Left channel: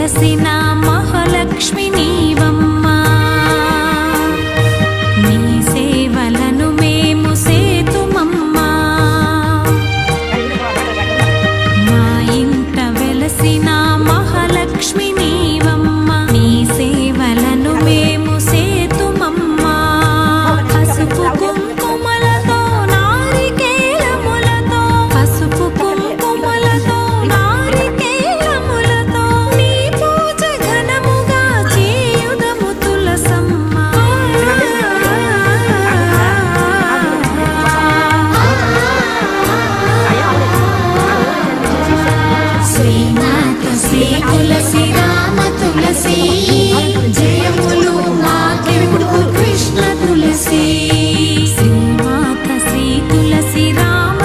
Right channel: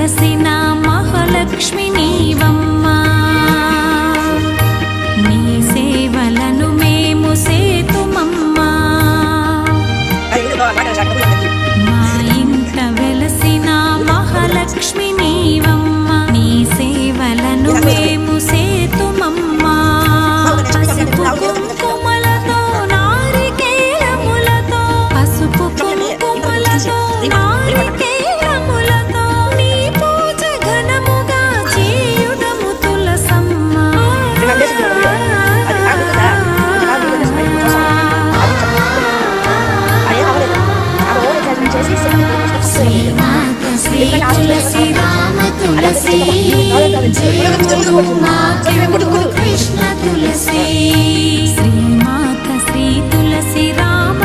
వెలసిన మహాలక్ష్మి నీవమ్మా, నీ సేవలను మేము సేతుమమ్మా. మా ఇంట వెలసిన మహాలక్ష్మి నీవమ్మా, నీ సేవలను మేము సేతుమమ్మా. పసుపు కుంకుమలతో నారికేలములతో, పసుపు కుంకుమలతో నారికేలములతో నీ పూజ ఘనముగా చేయుదము తులసమ్మ. శ్రీమాత శ్రీ తులసి రామ తులసి, జయములు మాకెందుకు కృష్ణ తులసి. శ్రీమాత శ్రీ తులసి రామ